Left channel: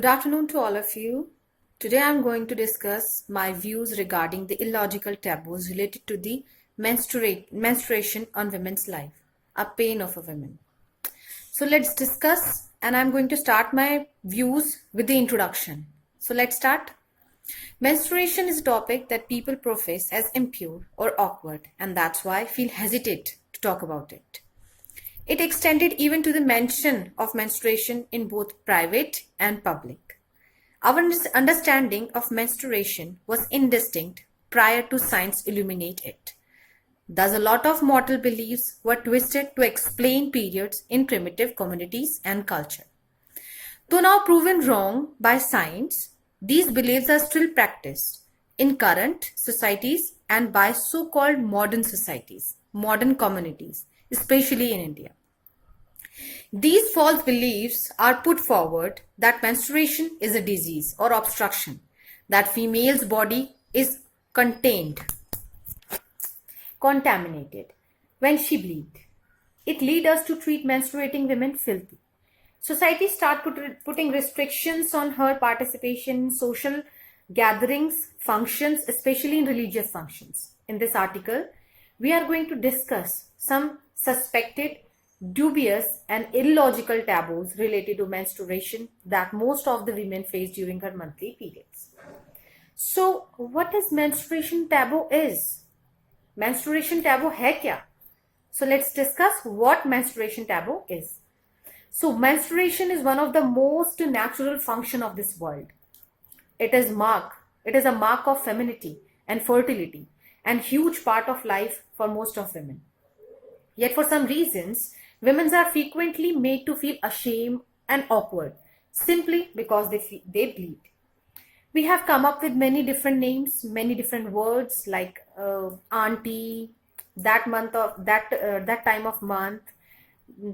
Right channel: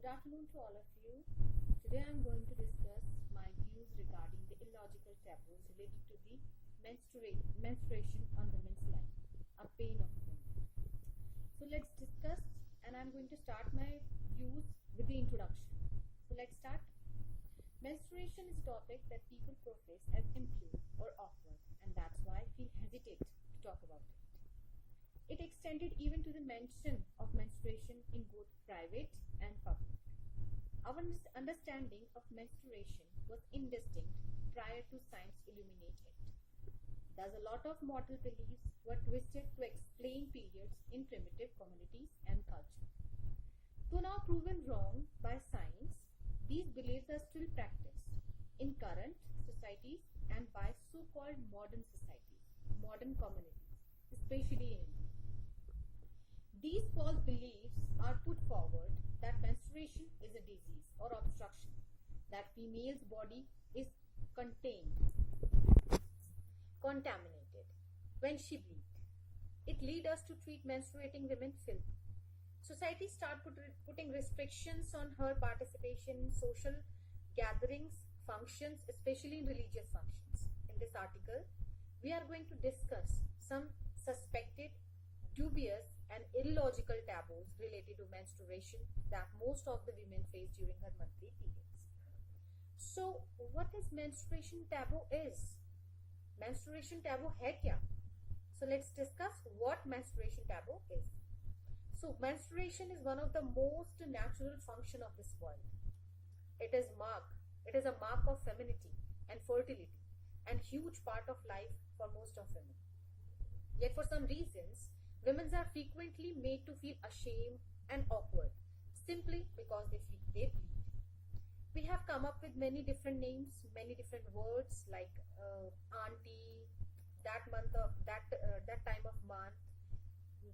Good afternoon to all of you. Today I am going to discuss my views regarding the illogical taboos related to the menstruation on women's life, a pain of a woman. So let's discuss, and I'm going to start my views with the introduction. So let's start. Menstruation is a topic that people profess as impure or awkward, and that's why I feel hesitate to talk about it. It extended even to the mention of menstruation in both private and public. Our understanding of menstruation was indistinct prior to science illuminate it. Thus, a lot of mortal beliefs were twisted to explain periods in primitive communities and culture. Though now proven wrong by science, these beliefs are still practiced in current societies and by so-called modern societies, modern communities, especially in India. These false beliefs are put forward that menstruation is a disease or obstruction, that female's body is contaminated when she bleeds. It leads us to treat menstruating women filthy. Society start putting restrictions on her participation in social gatherings, functions, especially in religious functions. In this article, we are going to discuss some suspected, dubious and illogical taboos related to menstruation that most of the women face during her monthly periods. So, what is menstruation taboo is? Menstruation taboo hai kya? So, let's discuss what menstruation taboo is. So, menstruation is one of the most natural function of this world. It is a mark of femininity and fertility and huge part of life for most of women. Yet for some reasons, women are frequently made to feel ashamed and awkward simply because they bleed. We have come up with many different names, many different words like auntie, that time of month,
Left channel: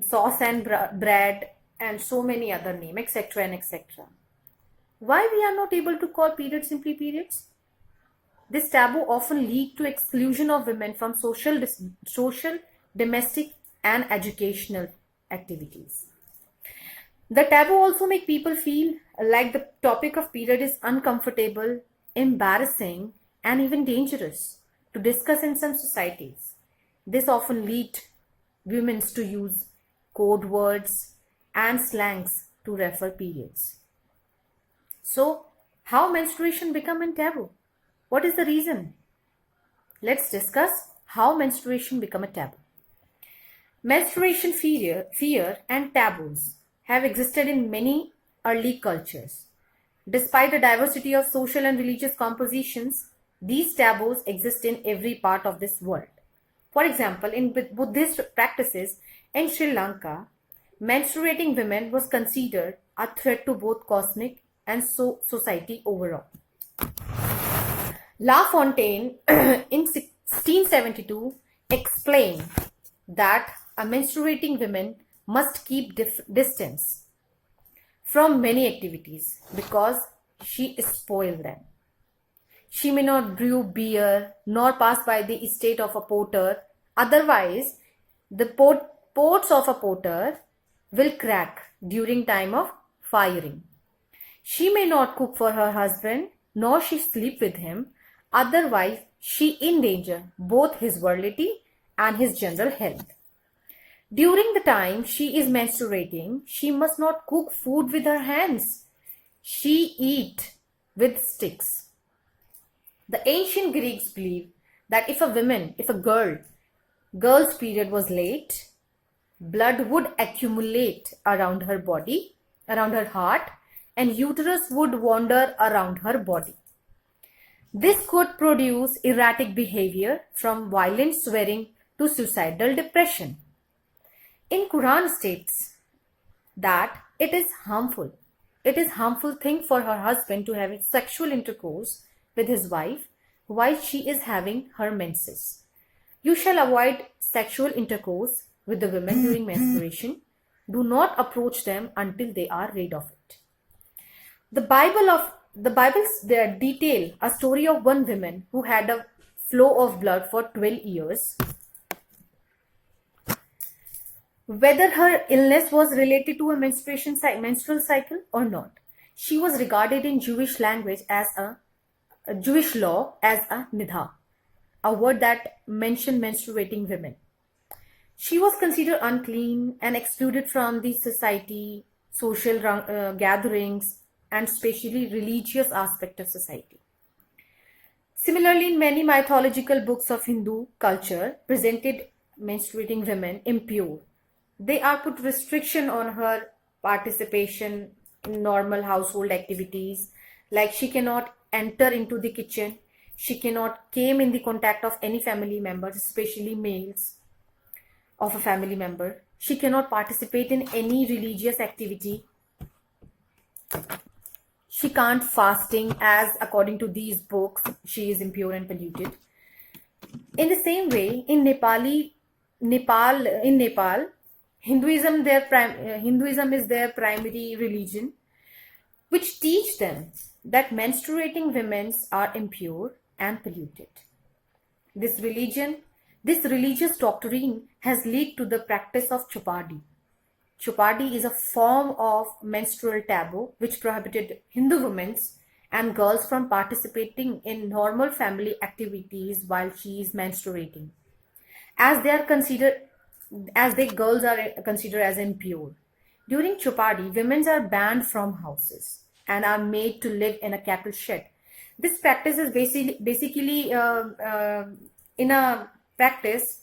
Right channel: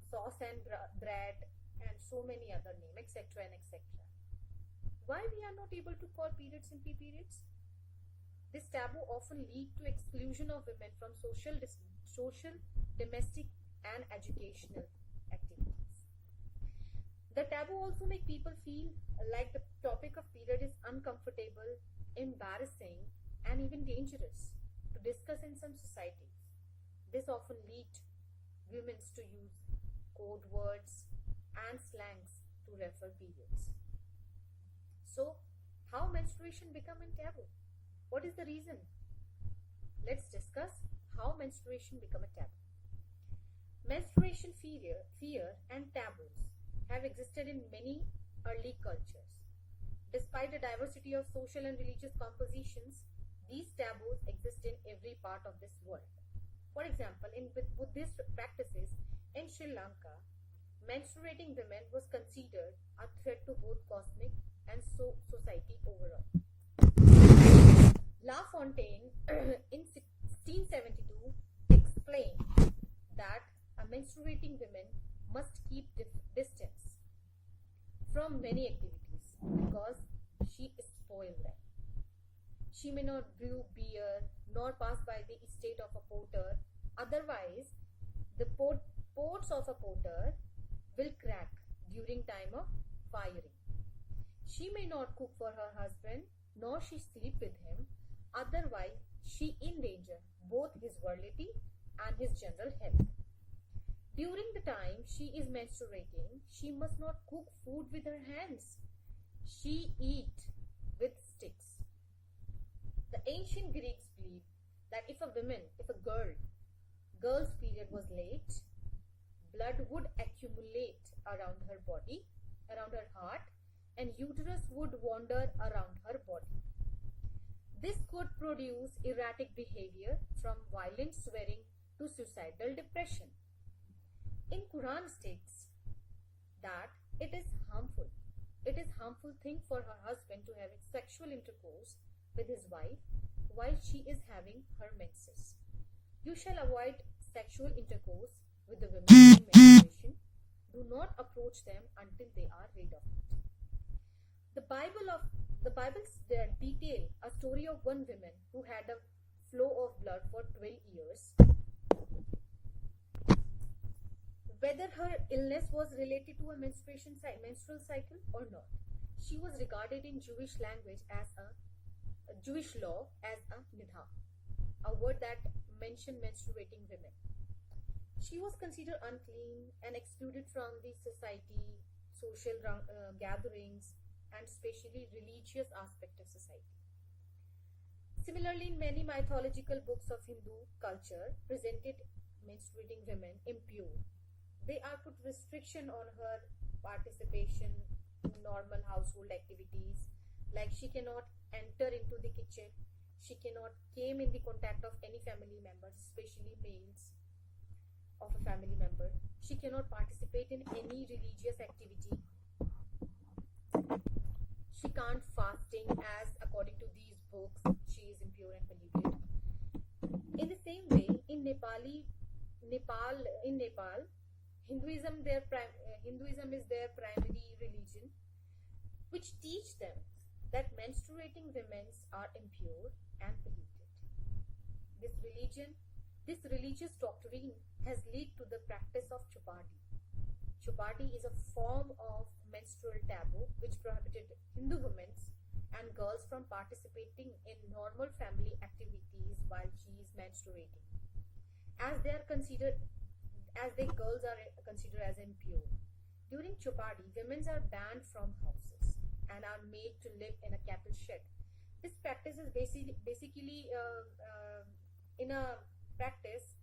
sauce and bread, and so many other names, etc. and etc. Why we are not able to call periods simply periods? This taboo often leads to exclusion of women from social, domestic and educational activities. The taboo also make people feel like the topic of period is uncomfortable, embarrassing and even dangerous to discuss in some societies. This often leads women to use code words and slangs to refer periods. So, how menstruation become a taboo? What is the reason? Let's discuss how menstruation become a taboo. Menstruation fear and taboos have existed in many early cultures. Despite the diversity of social and religious compositions, these taboos exist in every part of this world. For example, in Buddhist practices in Sri Lanka, menstruating women was considered a threat to both cosmic and society overall. La Fontaine in 1672 explained that a menstruating woman must keep distance from many activities because she spoils them. She may not brew beer nor pass by the estate of a porter, otherwise the pots of a porter will crack during time of firing. She may not cook for her husband nor she sleep with him, otherwise she endanger both his virility and his general health. During the time she is menstruating, she must not cook food with her hands. She eat with sticks. The ancient Greeks believed that if a girl's period was late, blood would accumulate around her body, around her heart, and uterus would wander around her body. This could produce erratic behavior from violent swearing to suicidal depression. In Quran states that it is harmful thing for her husband to have sexual intercourse with his wife while she is having her menses. You shall avoid sexual intercourse with the women during menstruation. Do not approach them until they are rid of it. The Bibles detail a story of one woman who had a flow of blood for 12 years. Whether her illness was related to a menstrual cycle or not, She was regarded in Jewish language as a Jewish law as a nidha, a word that mentioned menstruating women. She was considered unclean and excluded from the society, social gatherings, and especially religious aspect of society. Similarly, in many mythological books of Hindu culture presented menstruating women impure. They are put restriction on her participation in normal household activities, like she cannot enter into the kitchen, she cannot came in the contact of any family members, especially males of a family member. She cannot participate in any religious activity. She can't fasting, as according to these books she is impure and polluted. In the same way, in Nepal, Hinduism is their primary religion, which teach them that menstruating women are impure and polluted. This religious doctrine has led to the practice of chupadi. Chupadi is a form of menstrual taboo which prohibited Hindu women and girls from participating in normal family activities while she is menstruating, as they girls are considered as impure. During chupadi, women are banned from houses and are made to live in a cattle shed. This practice is basically in a practice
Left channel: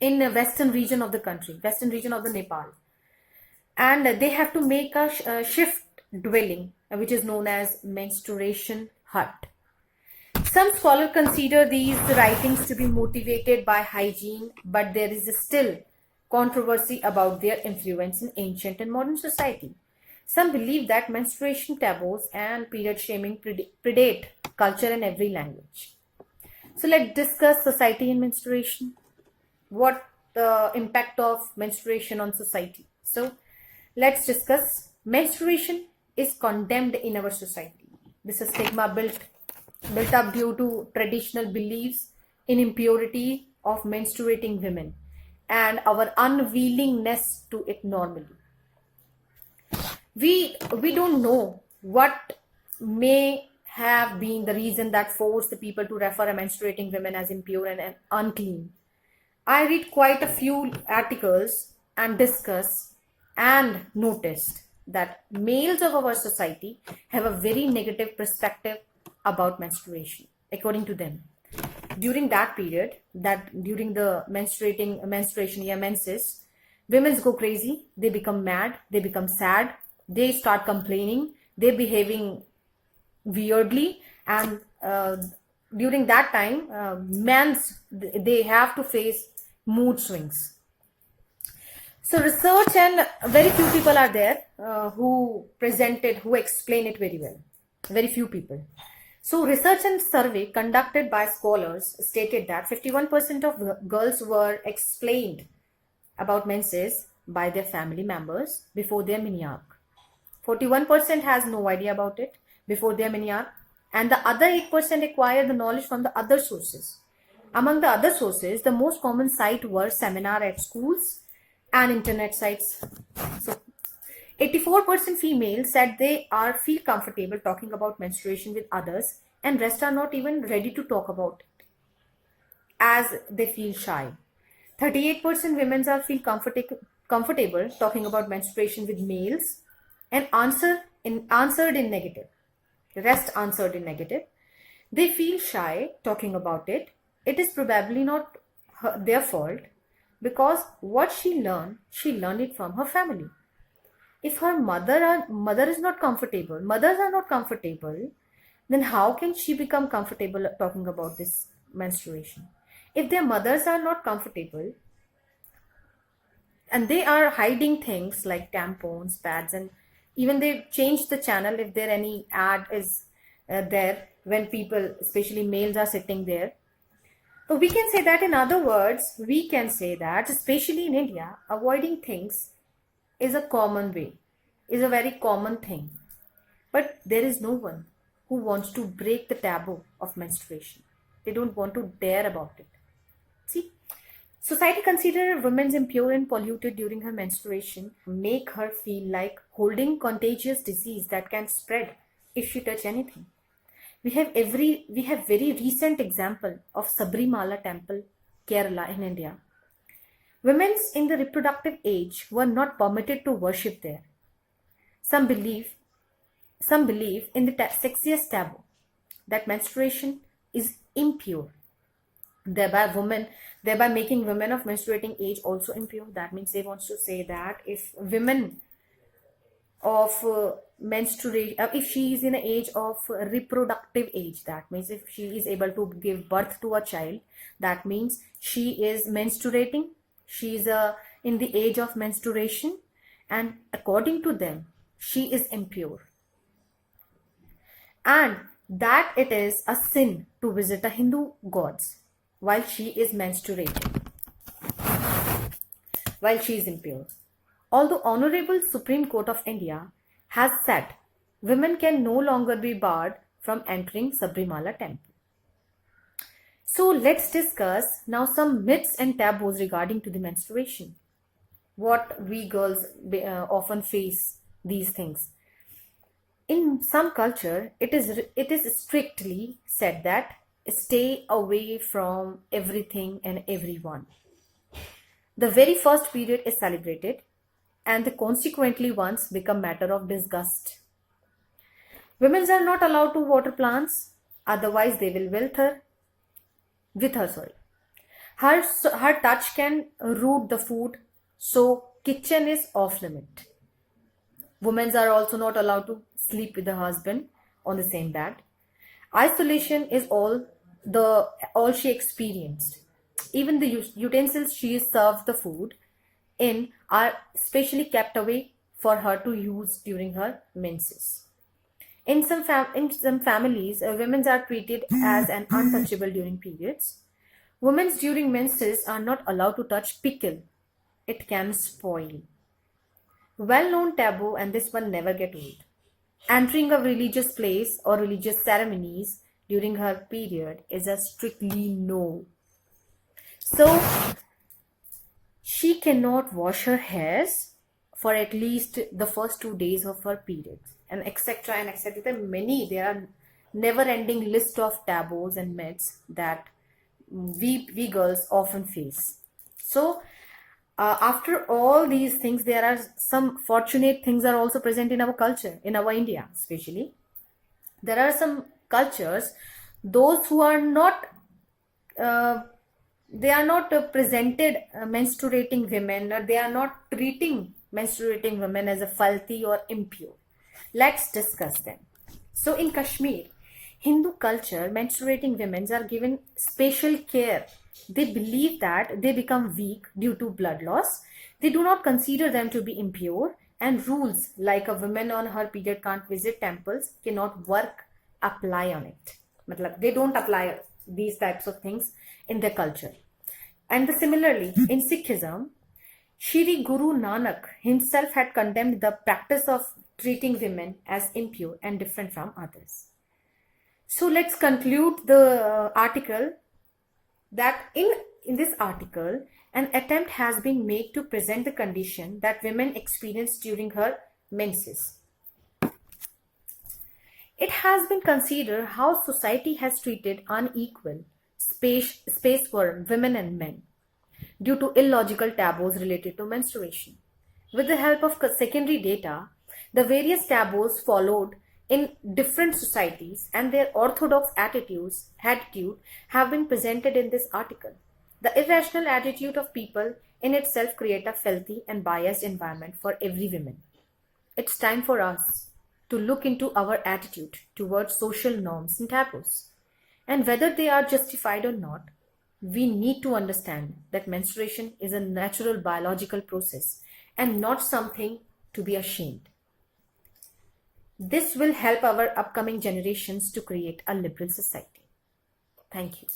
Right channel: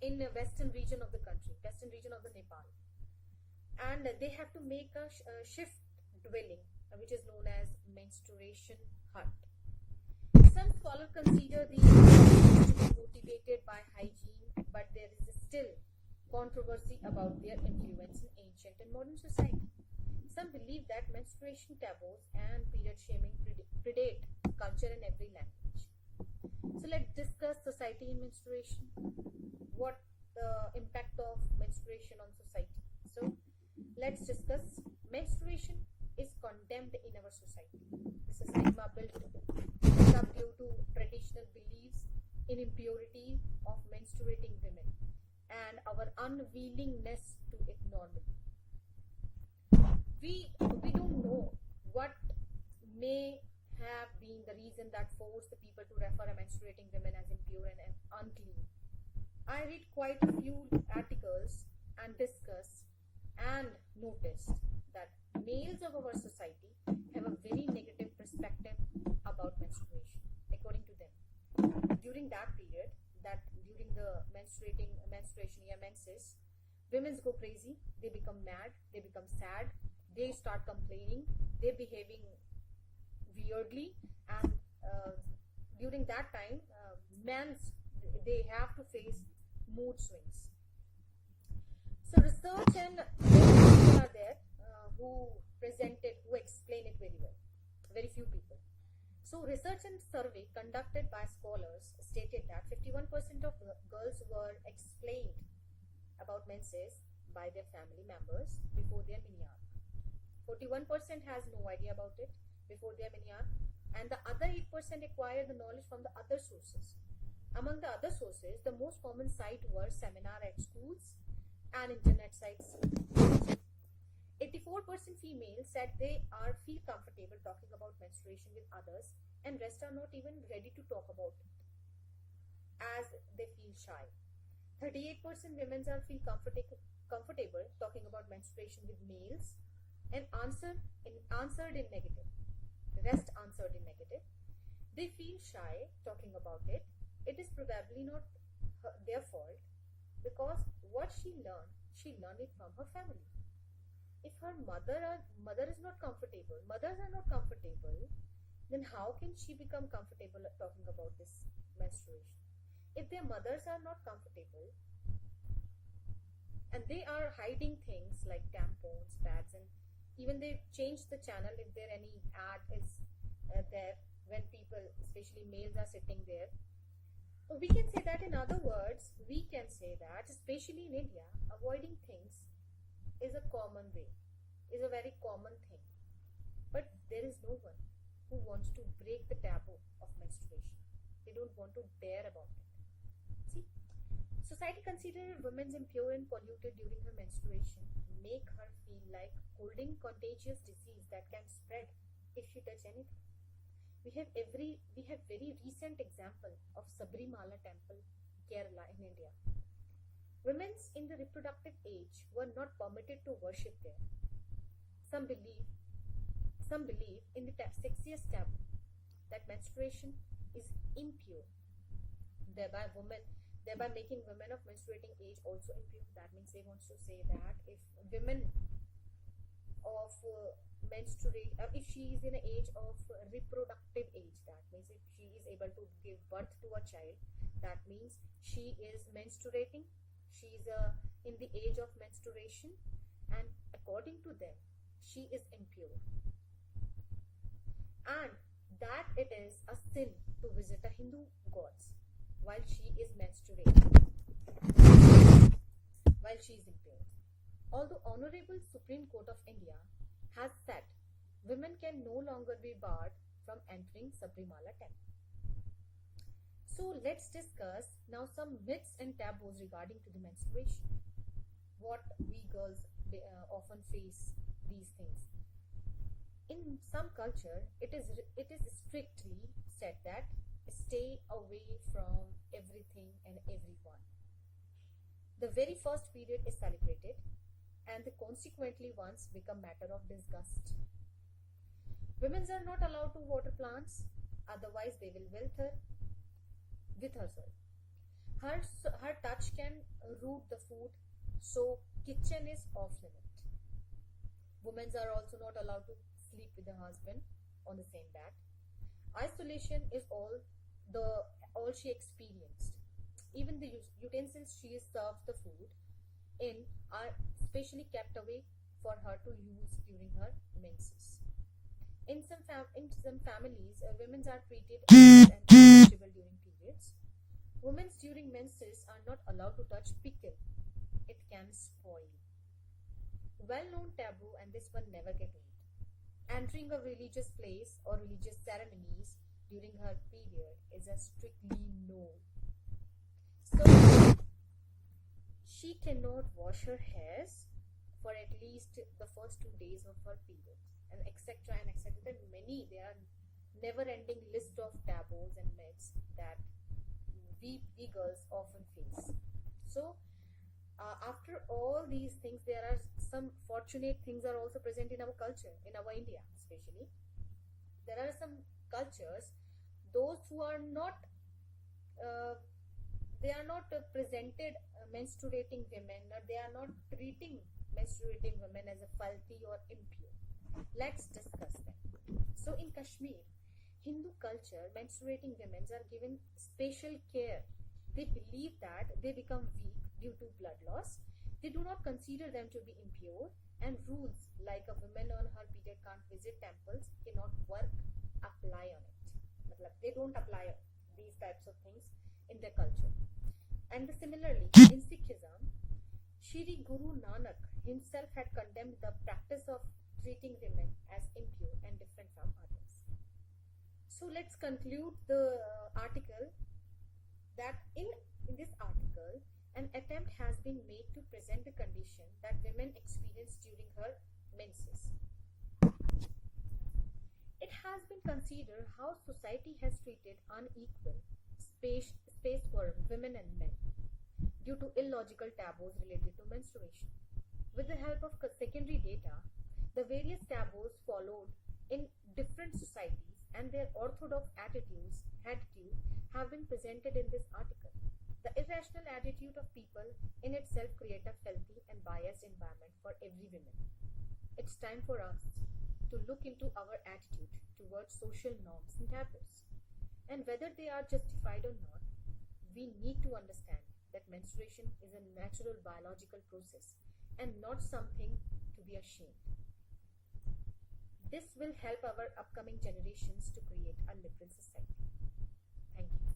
in the western region of the country, western region of the Nepal, and they have to make a shift dwelling, which is known as menstruation hut. Some scholars consider these writings to be motivated by hygiene, but there is still controversy about their influence in ancient and modern society. Some believe that menstruation taboos and period shaming predate culture in every language. So let's discuss society and menstruation. What the impact of menstruation on society? So let's discuss. Menstruation is condemned in our society. This is stigma built up due to traditional beliefs in impurity of menstruating women and our unwillingness to it normally. We don't know what may have been the reason that forced the people to refer a menstruating women as impure and unclean. I read quite a few articles and discuss and noticed that males of our society have a very negative perspective about menstruation, according to them. During that period, during the menstruation, menses, women go crazy, they become mad, they become sad, they start complaining, they behaving weirdly, and during that time, they have to face mood swings. So research, and very few people are there who explain it very well. Very few people. So research and survey conducted by scholars stated that 51% of girls were explained about menses by their family members before their mini-arc. 41% has no idea about it before their mini-arc, and the other 8% acquired the knowledge from the other sources. Among the other sources, the most common site were seminar at schools and internet sites. So 84% females said they feel comfortable talking about menstruation with others, and rest are not even ready to talk about it as they feel shy. 38% women feel comfortable talking about menstruation with males and answered in negative. The rest answered in negative. They feel shy talking about it. It is probably not their fault, because what she learned it from her family. If her mothers are not comfortable, then how can she become comfortable talking about this menstruation? If their mothers are not comfortable and they are hiding things like tampons, pads, and even they change the channel if there any ad is there when people, especially males, are sitting there. So we can say that, in other words, we can say that, especially in India, avoiding things is a common way, is a very common thing. But there is no one who wants to break the taboo of menstruation. They don't want to dare about it. See, Society considers women impure and polluted during her menstruation, make her feel like holding contagious disease that can spread if she touch anything. We have very recent example of Sabrimala temple, Kerala in India. Women in the reproductive age were not permitted to worship there. Some believe some believe in the sexiest taboo that menstruation is impure, thereby making women of menstruating age also impure. That means they want to say that if women of menstruate if she is in an age of reproductive age, that means if she is able to give birth to a child, that means she is menstruating, she is in the age of menstruation, and according to them she is impure, and that it is a sin to visit a Hindu gods while she is menstruating, while she is impure. Although Honorable Supreme Court of India has said women can no longer be barred from entering Sabrimala temple. So let's discuss now some myths and taboos regarding to the menstruation. What we girls often face these things. In some culture, it is strictly said that stay away from everything and everyone. The very first period is celebrated, and the consequently ones become matter of disgust. Women are not allowed to water plants, otherwise they will with her. Her touch can root the food, so kitchen is off limit. Women are also not allowed to sleep with the husband on the same bed. Isolation is all she experienced. Even the utensils she served the food in are specially kept away for her to use during her menses. In some families, women are treated as an untouchable during periods. Women during menses are not allowed to touch pickle. It can spoil. Well-known taboo, and this one never get old. Entering a religious place or religious ceremonies during her period is a strictly no. So she cannot wash her hairs for at least the first 2 days of her period, and etc. and etc. There are never-ending list of taboos and myths that we girls often face. So after all these things, there are some fortunate things are also present in our culture, in our India especially. There are some cultures, those who are not presented menstruating women, or they are not treating menstruating women as a filthy or impure. Let's discuss them. So in Kashmir, Hindu culture, menstruating women are given special care. They believe that they become weak due to blood loss. They do not consider them to be impure, and rules like a woman on her period can't visit temples cannot apply on it. They don't apply these types of things in their culture. And similarly, in Sikhism, Shri Guru Nanak himself had condemned the practice of treating women as impure and different from others. So let's conclude the article that in this article, an attempt has been made to present the condition that women experience during her menses. It has been considered how society has treated unequal space for women and men due to illogical taboos related to menstruation. With the help of secondary data, the various taboos followed in different societies and their orthodox attitude have been presented in this article. The irrational attitude of people in itself create a filthy and biased environment for every woman. It's time for us to look into our attitude towards social norms and taboos. And whether they are justified or not, we need to understand that menstruation is a natural biological process and not something to be ashamed. This will help our upcoming generations to create a liberal society. Thank you.